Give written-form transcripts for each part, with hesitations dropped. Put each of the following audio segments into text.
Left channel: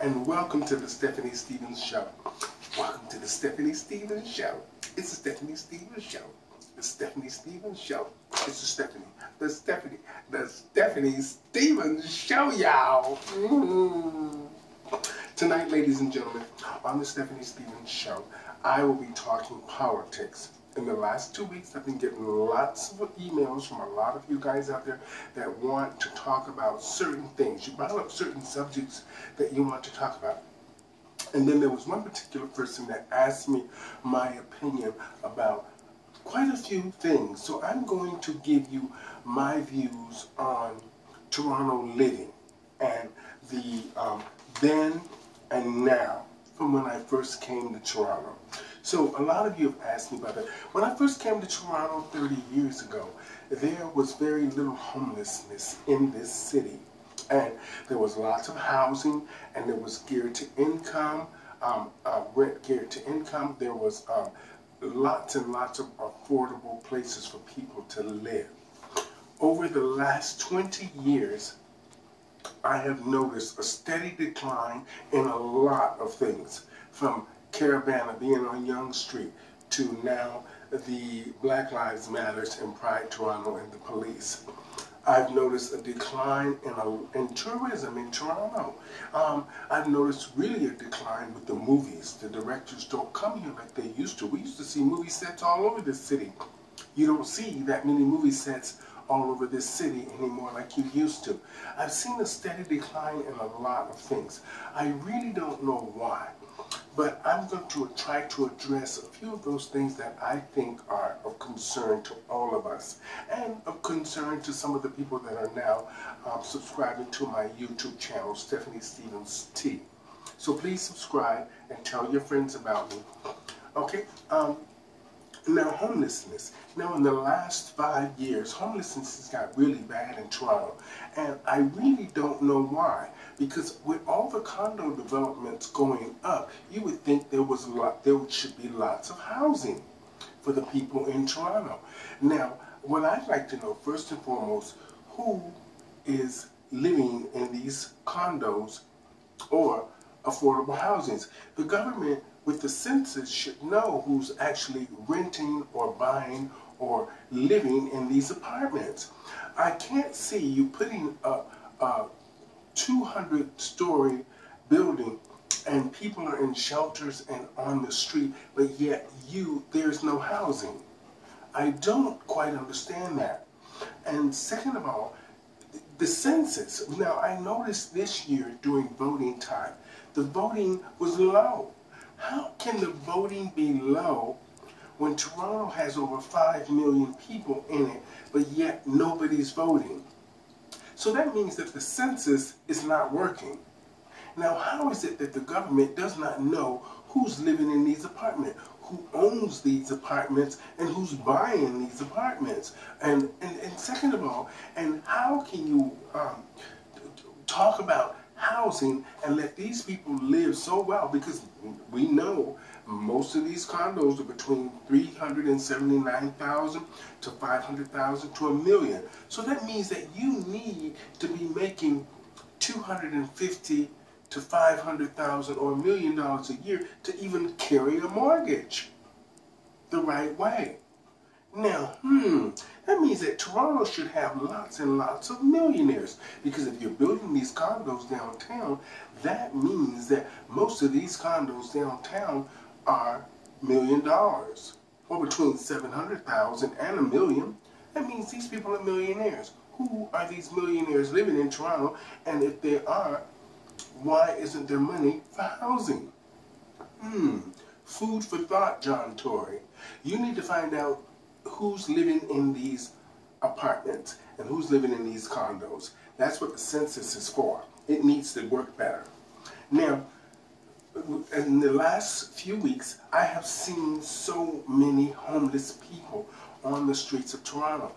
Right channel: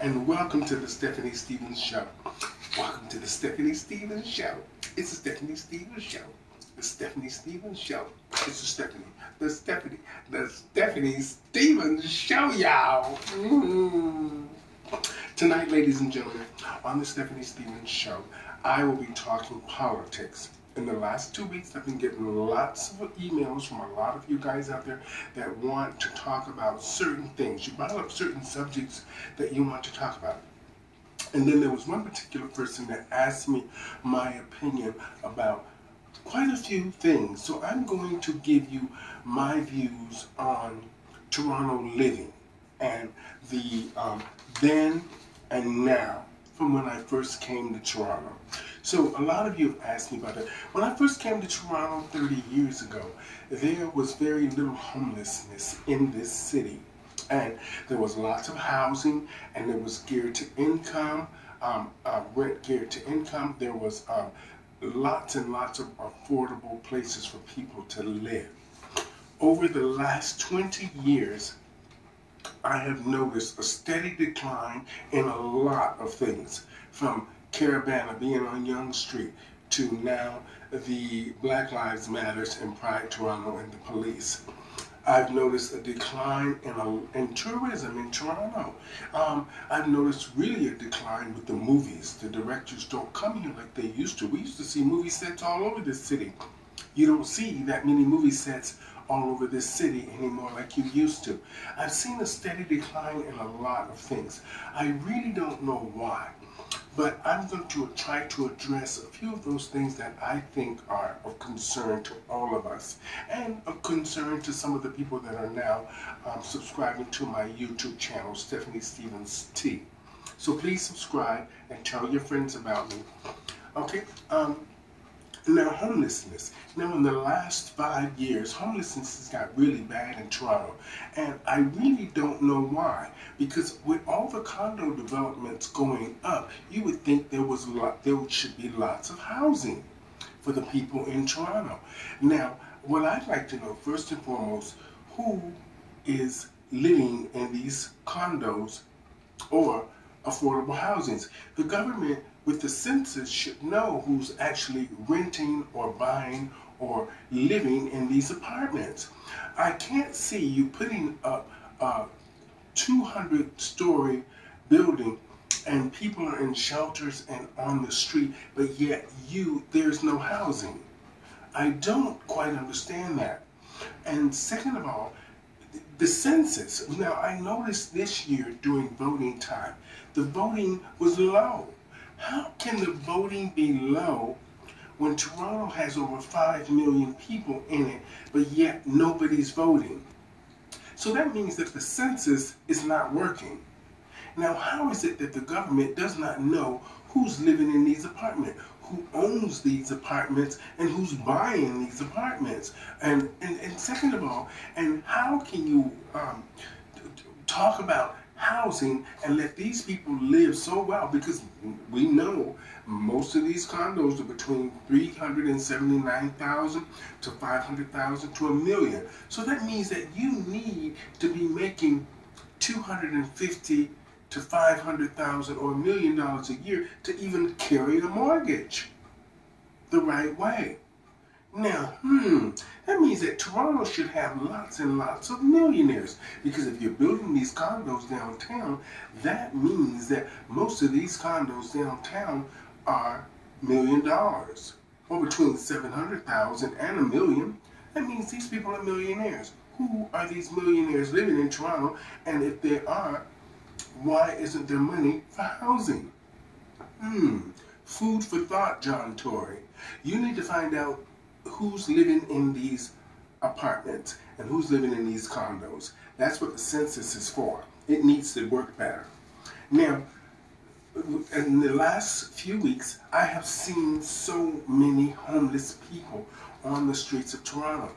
and welcome to the Stephanie Stevens Show. Welcome to the Stephanie Stevens Show. It's the Stephanie Stevens Show. The Stephanie Stevens Show. It's the Stephanie Stevens Show, y'all. Tonight, ladies and gentlemen, on the Stephanie Stevens Show, I will be talking politics. In the last 2 weeks, I've been getting lots of emails from a lot of you guys out there that want to talk about certain things. You brought up certain subjects that you want to talk about. And then there was one particular person that asked me my opinion about quite a few things. So I'm going to give you my views on Toronto living and the then and now from when I first came to Toronto. So a lot of you have asked me about it. When I first came to Toronto 30 years ago, there was very little homelessness in this city. And there was lots of housing, and there was geared to income, rent geared to income. There was lots and lots of affordable places for people to live. Over the last 20 years, I have noticed a steady decline in a lot of things, from Caravana being on Yonge Street to now the Black Lives Matters and Pride Toronto and the police. I've noticed a decline in tourism in Toronto. I've noticed really a decline with the movies. The directors don't come here like they used to. We used to see movie sets all over this city. You don't see that many movie sets all over this city anymore like you used to. I've seen a steady decline in a lot of things. I really don't know why. But I'm going to try to address a few of those things that I think are of concern to all of us, and of concern to some of the people that are now subscribing to my YouTube channel, Stephanie Stevens T. So please subscribe and tell your friends about me. Okay? Now, homelessness. Now, in the last 5 years, homelessness has got really bad in Toronto, and I really don't know why. Because with all the condo developments going up, you would think there should be lots of housing for the people in Toronto. Now, what I'd like to know first and foremost, who is living in these condos or affordable housings? The government, with the census, should know who's actually renting or buying or living in these apartments. I can't see you putting up a 200-story building and people are in shelters and on the street, but yet there's no housing. I don't quite understand that. And second of all, the census. Now, I noticed this year during voting time, the voting was low. How can the voting be low when Toronto has over 5 million people in it, but yet nobody's voting? So that means that the census is not working. Now, how is it that the government does not know who's living in these apartments, who owns these apartments, and who's buying these apartments? And second of all, and how can you talk about housing and let these people live so well? Because we know most of these condos are between $379,000 to $500,000 to $1 million. So that means that you need to be making $250,000 to $500,000 or $1 million a year to even carry a mortgage the right way. Now, that means that Toronto should have lots and lots of millionaires, because if you're building these condos downtown, that means that most of these condos downtown are $1 million, or between $700,000 and $1 million. That means these people are millionaires. Who are these millionaires living in Toronto? And if they are, why isn't there money for housing? Food for thought, John Tory. You need to find out who's living in these apartments and who's living in these condos. That's what the census is for. It needs to work better. Now, in the last few weeks, I have seen so many homeless people on the streets of Toronto.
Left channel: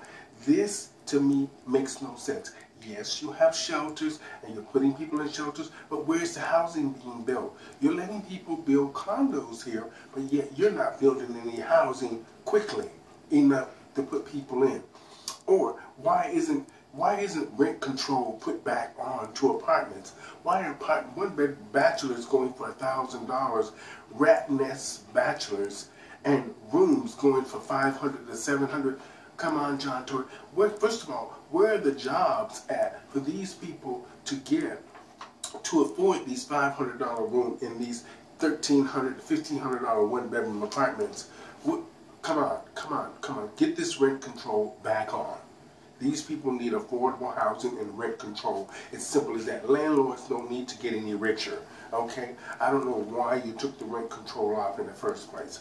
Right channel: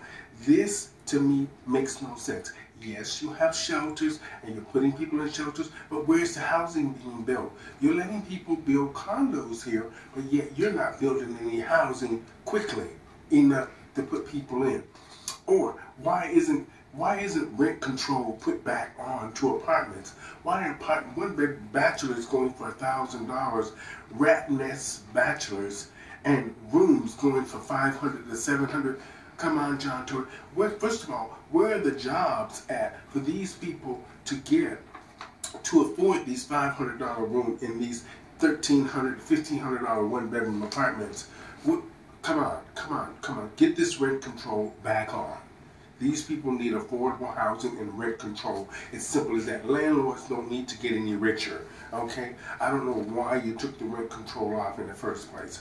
This, to me, makes no sense. Yes, you have shelters and you're putting people in shelters, but where's the housing being built? You're letting people build condos here, but yet you're not building any housing quickly enough to put people in. Or why isn't Why isn't rent control put back on to apartments? Why are one-bed bachelors going for $1,000, rat nest bachelors, and rooms going for $500 to $700? Come on, John Tory. First of all, where are the jobs at for these people to get to afford these $500 rooms in these $1,300 to $1,500 one-bedroom apartments? Come on. Get this rent control back on. These people need affordable housing and rent control. It's simple as that. Landlords don't need to get any richer, okay? I don't know why you took the rent control off in the first place.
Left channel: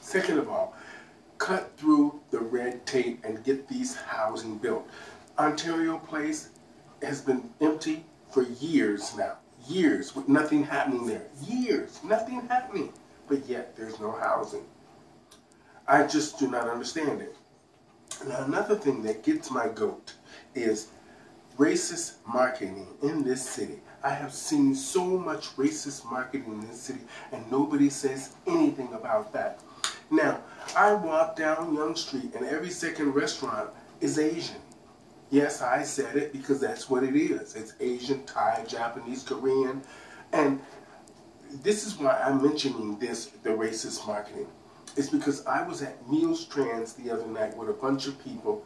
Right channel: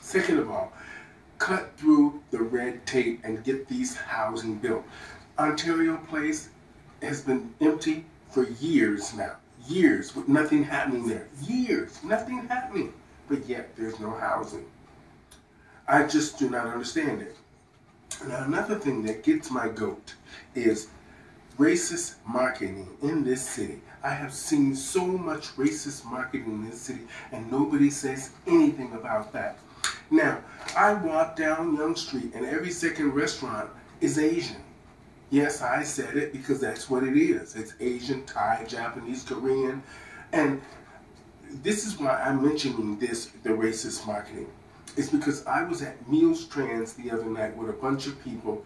Second of all, cut through the red tape and get these housing built. Ontario Place has been empty for years now. Years with nothing happening there. Years, nothing happening. But yet there's no housing. I just do not understand it. Now, another thing that gets my goat is racist marketing in this city. I have seen so much racist marketing in this city, and nobody says anything about that. Now, I walk down Yonge Street, and every second restaurant is Asian. Yes, I said it because that's what it is. It's Asian, Thai, Japanese, Korean. And this is why I'm mentioning the racist marketing. It's because I was at Meals Trans the other night with a bunch of people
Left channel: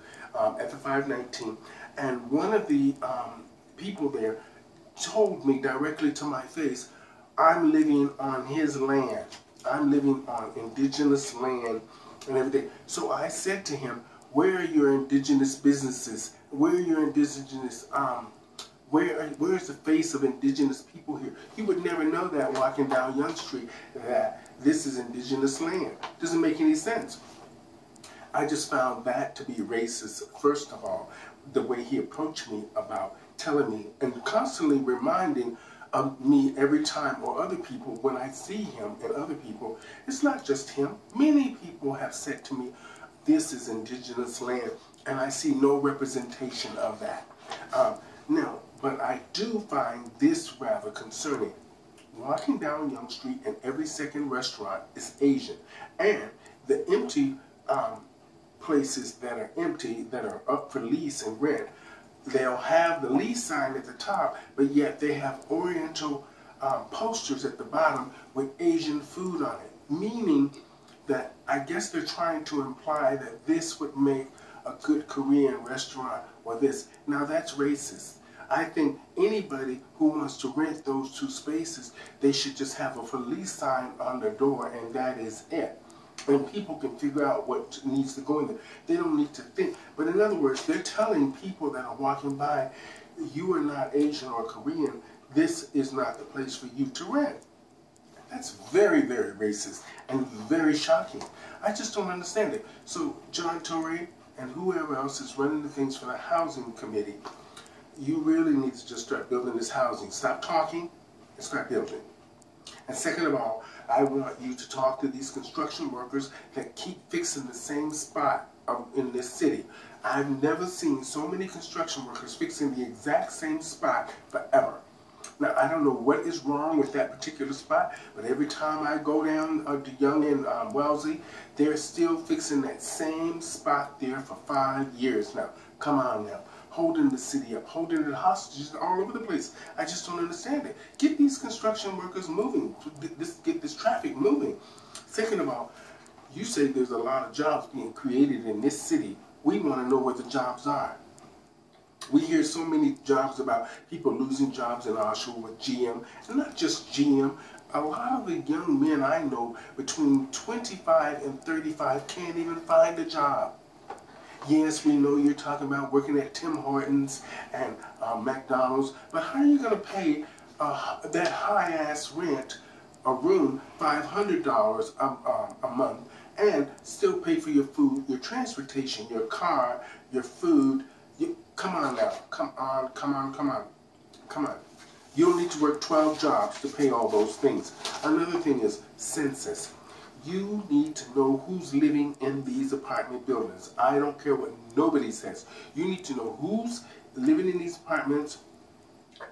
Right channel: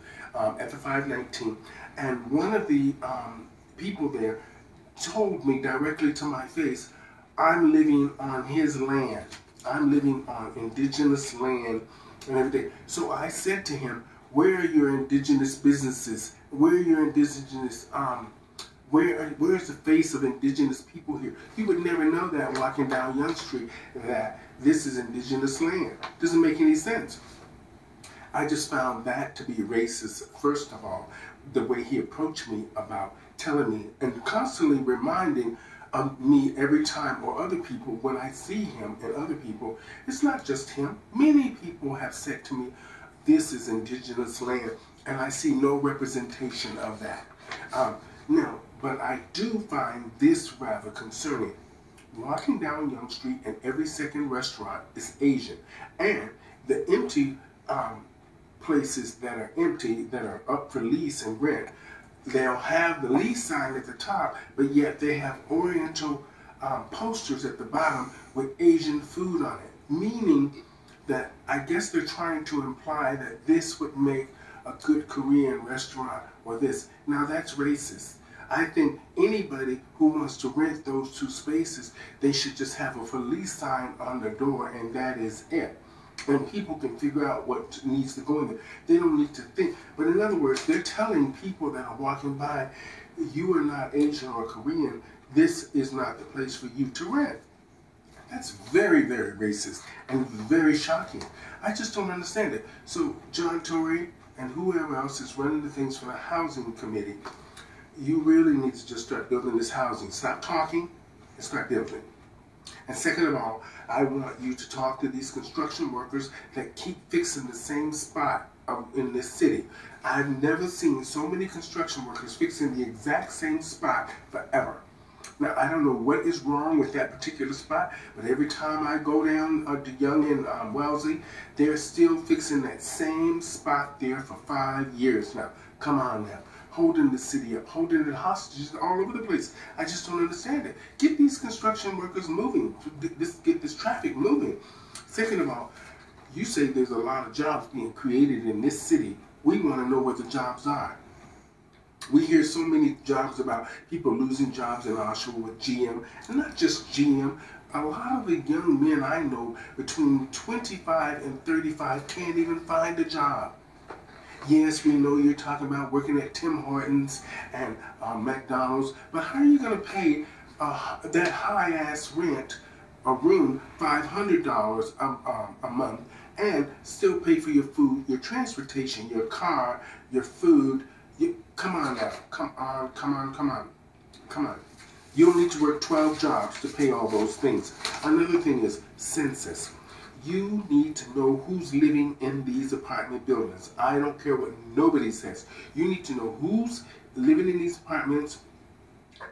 at the 519, and one of the people there told me directly to my face, I'm living on his land. I'm living on indigenous land and everything. So I said to him, where are your indigenous businesses? Where are your indigenous, where's the face of indigenous people here? You would never know that walking down Yonge Street that this is indigenous land. Doesn't make any sense. I just found that to be racist, first of all, the way he approached me about telling me and constantly reminding me every time, or other people, when I see him and other people. It's not just him. Many people have said to me, this is indigenous land, and I see no representation of that. Now, but I do find this rather concerning. Walking down Yonge Street and every second restaurant is Asian. And the empty places that are empty, that are up for lease and rent, they'll have the lease sign at the top, but yet they have Oriental posters at the bottom with Asian food on it. Meaning that I guess they're trying to imply that this would make a good Korean restaurant or this. Now that's racist. I think anybody who wants to rent those two spaces, they should just have a for lease sign on the door, and that is it. And people can figure out what needs to go in there. They don't need to think. But in other words, they're telling people that are walking by, you are not Asian or Korean, this is not the place for you to rent. That's very, very racist and very shocking. I just don't understand it. So John Tory and whoever else is running the things for the housing committee, you really need to just start building this housing. Stop talking and start building. And second of all, I want you to talk to these construction workers that keep fixing the same spot in this city. I've never seen so many construction workers fixing the exact same spot forever. Now, I don't know what is wrong with that particular spot, but every time I go down to Yonge and Wellesley, they're still fixing that same spot there for 5 years now. Come on now. Holding the city up, holding it hostages all over the place. I just don't understand it. Get these construction workers moving. Get this traffic moving. Second of all, you say there's a lot of jobs being created in this city. We want to know what the jobs are. We hear so many jobs about people losing jobs in Oshawa with GM, and not just GM. A lot of the young men I know between 25 and 35 can't even find a job. Yes, we know you're talking about working at Tim Hortons and McDonald's, but how are you going to pay that high-ass rent, a room, $500 a month, and still pay for your food, your transportation, your car, your food? Come on now. Come on. You'll need to work 12 jobs to pay all those things. Another thing is census. You need to know who's living in these apartment buildings. I don't care what nobody says. You need to know who's living in these apartments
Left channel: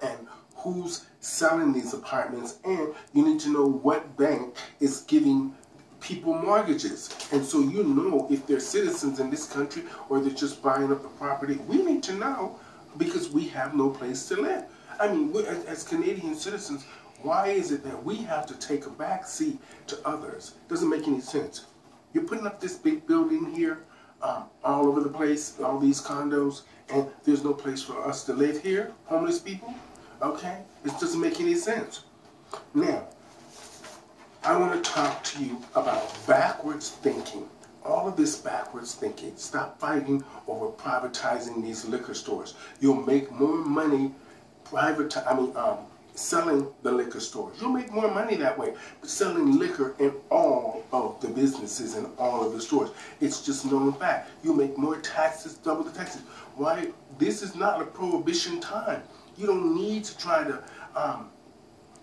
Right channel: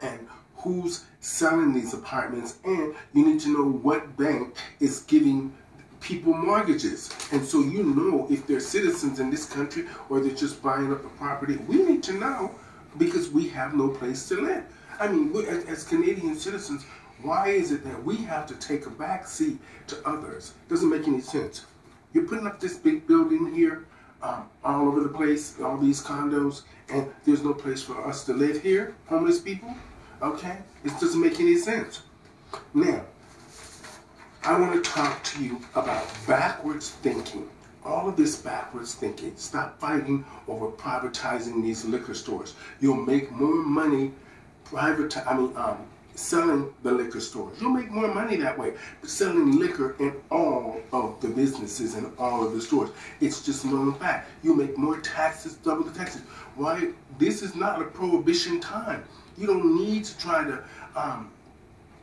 and who's selling these apartments, and you need to know what bank is giving people mortgages. And so you know if they're citizens in this country or they're just buying up the property. We need to know because we have no place to live. I mean, as Canadian citizens, why is it that we have to take a back seat to others? Doesn't make any sense. You're putting up this big building here, all over the place, all these condos, and there's no place for us to live here, homeless people. Okay? It doesn't make any sense. Now, I want to talk to you about backwards thinking. All of this backwards thinking. Stop fighting over privatizing these liquor stores. You'll make more money selling the liquor stores. You'll make more money that way. Selling liquor in all of the businesses and all of the stores. It's just known fact. You make more taxes, double the taxes. Why? This is not a prohibition time. You don't need to try to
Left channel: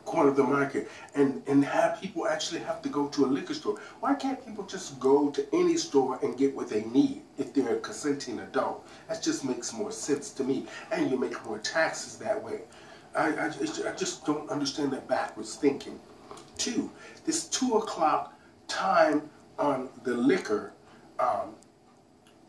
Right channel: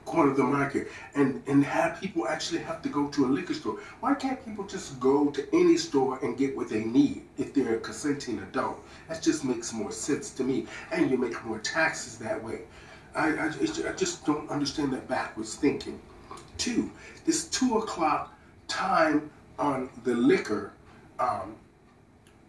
corner the market and have people actually have to go to a liquor store. Why can't people just go to any store and get what they need if they're a consenting adult? That just makes more sense to me. And you make more taxes that way. I just don't understand that backwards thinking. Two, this 2 o'clock time on the liquor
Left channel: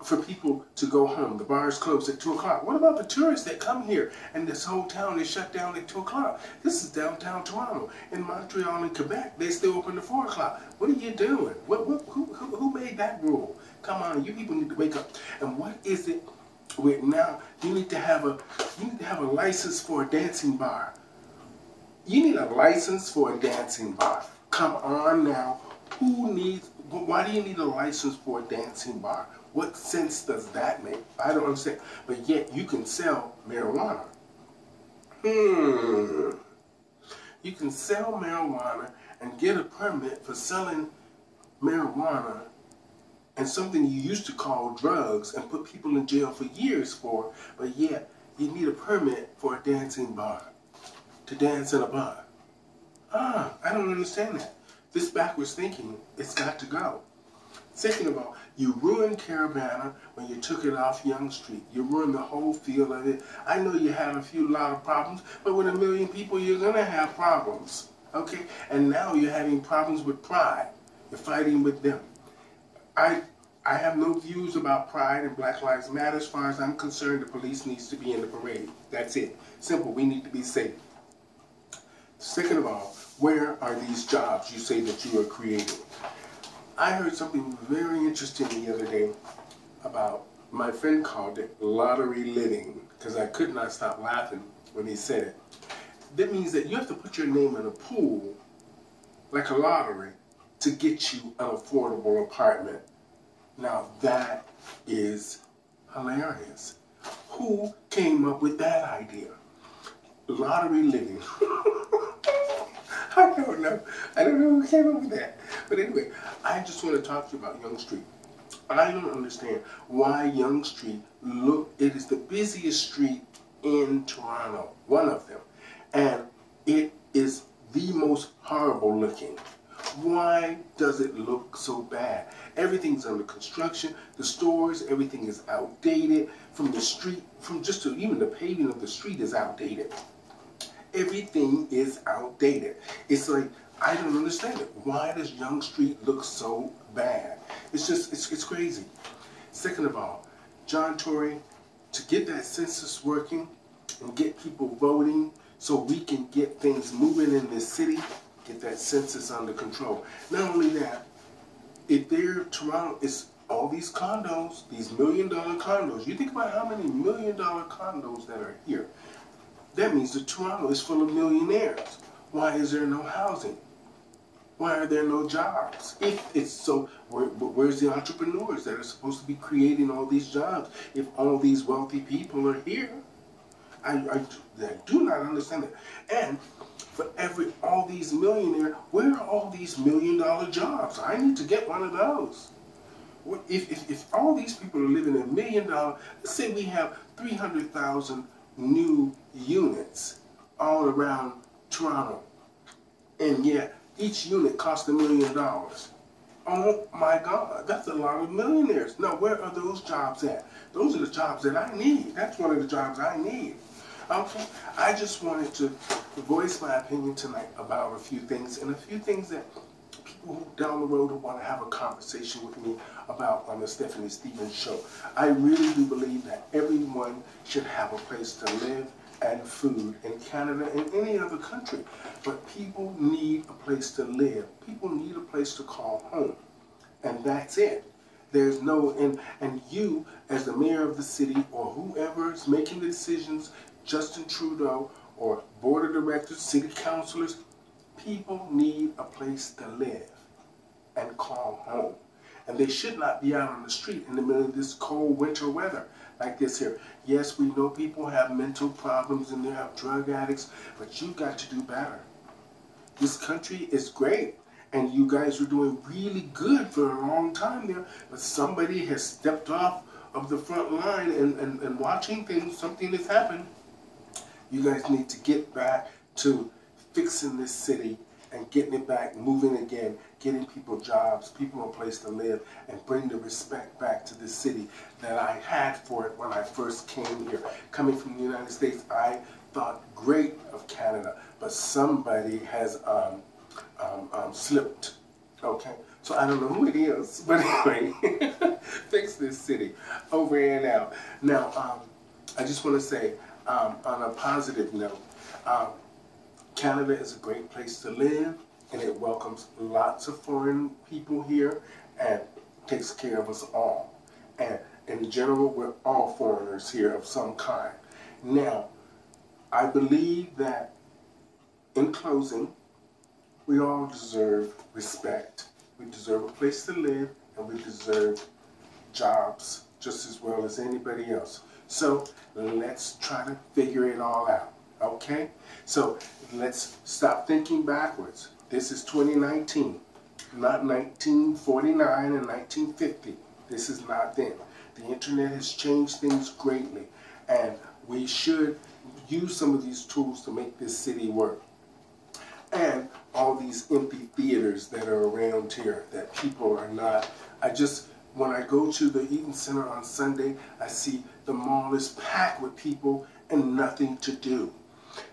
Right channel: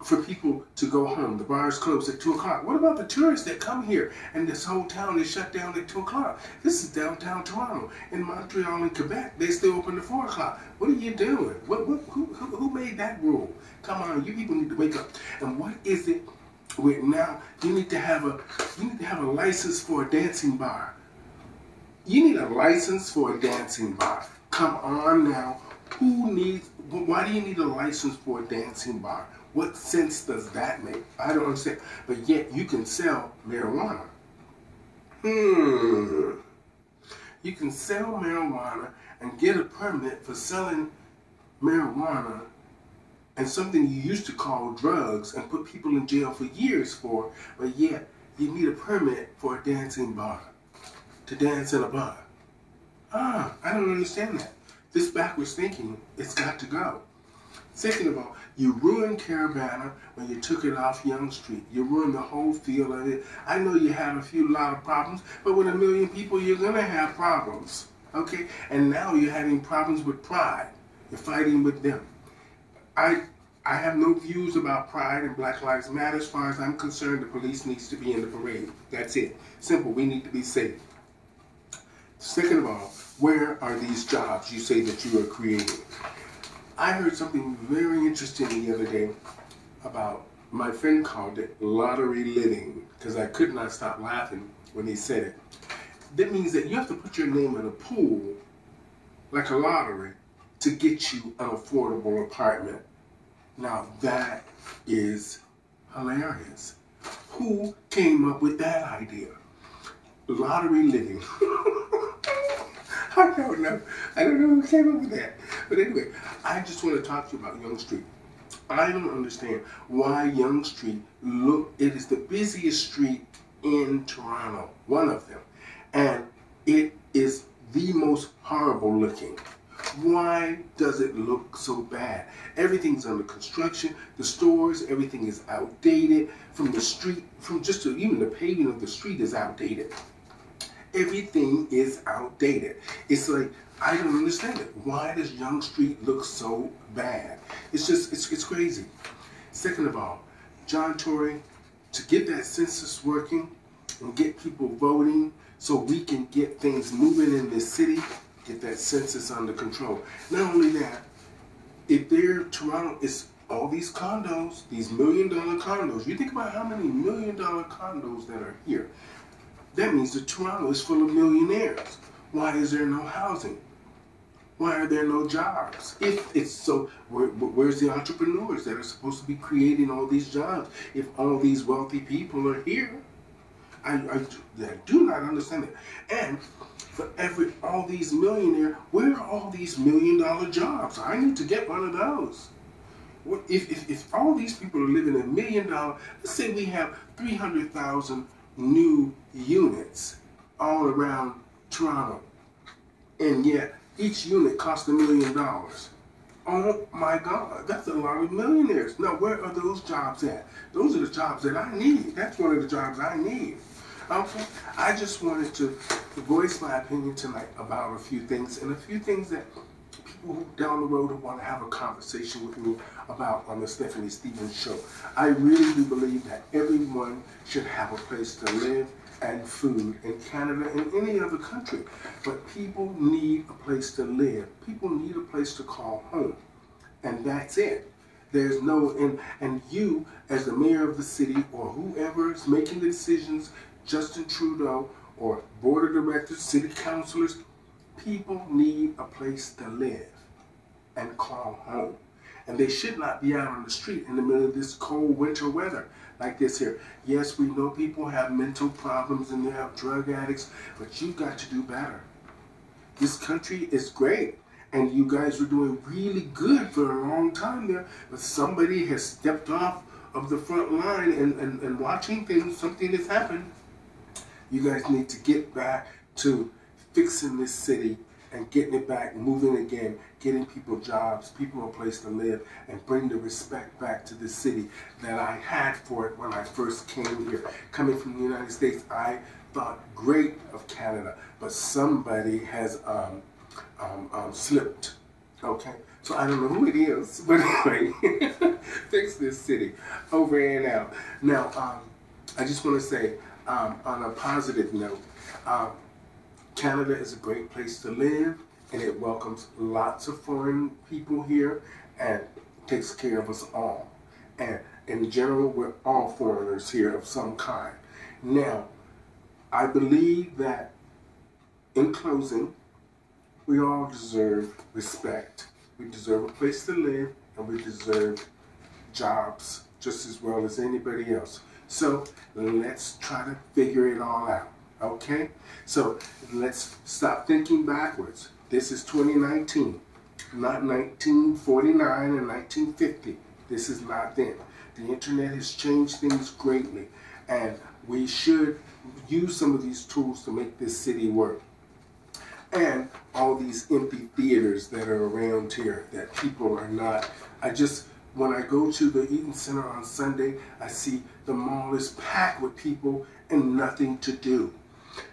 for people to go home. The bars close at 2 o'clock. What about the tourists that come here and this whole town is shut down at 2 o'clock? This is downtown Toronto. In Montreal and Quebec, they still open at 4 o'clock. What are you doing? Who made that rule? Come on, you people need to wake up. And what is it with now? You need to have a license for a dancing bar. You need a license for a dancing bar. Come on now. Why do you need a license for a dancing bar? What sense does that make? I don't understand. But yet you can sell marijuana. You can sell marijuana and get a permit for selling marijuana and something you used to call drugs and put people in jail for years for, but yet you need a permit for a dancing bar, to dance in a bar. I don't understand that. This backwards thinking, it's got to go. Second of all, you ruined Caribana when you took it off Yonge Street. You ruined the whole feel of it. I know you have a lot of problems, but with 1 million people, you're going to have problems. Okay? And now you're having problems with Pride. You're fighting with them. I have no views about Pride and Black Lives Matter. As far as I'm concerned, the police needs to be in the parade. That's it. Simple. We need to be safe. Second of all, where are these jobs you say that you are creating? I heard something very interesting the other day about, my friend called it lottery living, because I could not stop laughing when he said it. That means that you have to put your name in a pool, like a lottery, to get you an affordable apartment. Now that is hilarious. Who came up with that idea? Lottery living. I don't know. I don't know who came up with that. But anyway, I just want to talk to you about Yonge Street. I don't understand why Yonge Street, it is the busiest street in Toronto, one of them. And it is the most horrible looking. Why does it look so bad? Everything's under construction. The stores, everything is outdated. From the street, even the paving of the street is outdated. Everything is outdated. It's like, I don't understand it. Why does Yonge Street look so bad? It's just, it's crazy. Second of all, John Tory, to get that census working and get people voting so we can get things moving in this city, get that census under control. Not only that, if Toronto is all these condos, these $1 million condos, you think about how many $1 million condos that are here. That means that Toronto is full of millionaires. Why is there no housing? Why are there no jobs? If it's so, where's the entrepreneurs that are supposed to be creating all these jobs if all these wealthy people are here? I do not understand it. And for all these millionaires, where are all these $1 million jobs? I need to get one of those. If all these people are living in $1 million, let's say we have 300,000 new units all around Toronto, and yet each unit costs $1 million. Oh my God, that's a lot of millionaires. Now, where are those jobs at? Those are the jobs that I need. That's one of the jobs I need. Okay, I just wanted to voice my opinion tonight about a few things, and a few things that people who down the road who want to have a conversation with me about on the Stephanie Stevens Show. I really do believe that everyone should have a place to live and food in Canada and any other country. But people need a place to live. People need a place to call home. And that's it. There's no, and you as the mayor of the city or whoever is making the decisions, Justin Trudeau or board of directors, city councilors, people need a place to live and call home. And they should not be out on the street in the middle of this cold winter weather like this here. Yes, we know people have mental problems and they have drug addicts, but you got to do better. This country is great. And you guys were doing really good for a long time there, but somebody has stepped off of the front line and watching things, something has happened. You guys need to get back to fixing this city and getting it back, moving again, getting people jobs, people a place to live, and bring the respect back to the city that I had for it when I first came here. Coming from the United States, I thought great of Canada, but somebody has slipped. Okay, so I don't know who it is, but anyway, fix this city over and out. Now, I just want to say, on a positive note, Canada is a great place to live, and it welcomes lots of foreign people here, and takes care of us all. And in general, we're all foreigners here of some kind. Now, I believe that, in closing, we all deserve respect. We deserve a place to live, and we deserve jobs just as well as anybody else. So let's try to figure it all out, okay? So let's stop thinking backwards. This is 2019, not 1949 and 1950. This is not then. The internet has changed things greatly, and we should use some of these tools to make this city work. And all these empty theaters that are around here that people are not. When I go to the Eaton Center on Sunday, I see the mall is packed with people and nothing to do.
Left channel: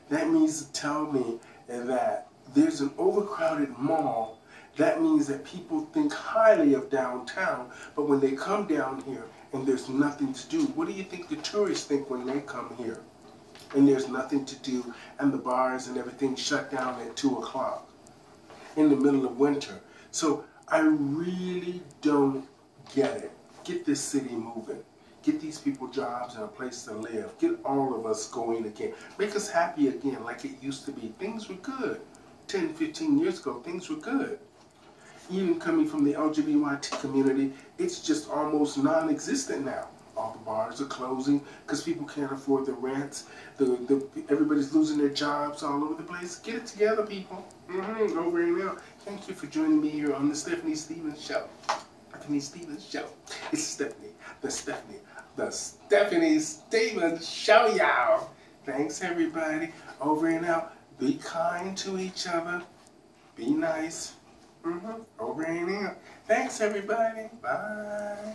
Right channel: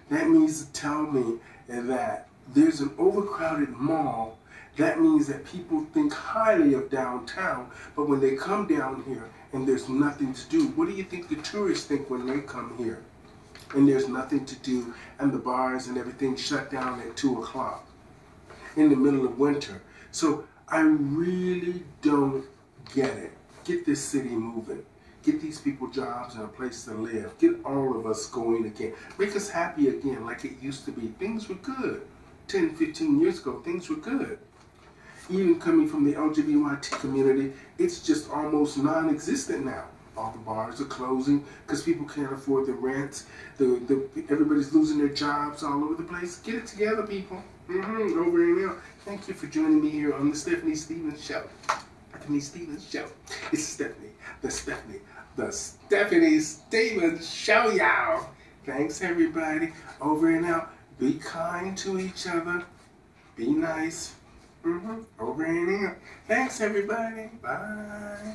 That means to tell me that there's an overcrowded mall. That means that people think highly of downtown, but when they come down here and there's nothing to do, what do you think the tourists think when they come here? And there's nothing to do, and the bars and everything shut down at 2 o'clock in the middle of winter. So I really don't get it. Get this city moving. Get these people jobs and a place to live. Get all of us going again. Make us happy again like it used to be. Things were good. 10, 15 years ago, things were good. Even coming from the LGBT community, it's just almost non-existent now. All the bars are closing because people can't afford the rents. Everybody's losing their jobs all over the place. Get it together, people. Over and out. Thank you for joining me here on the Stephanie Stevens Show. Stephanie Stevens Show. It's Stephanie. The Stephanie Stevens Show, y'all. Thanks, everybody. Over and out. Be kind to each other. Be nice. Over and out. Thanks, everybody. Bye.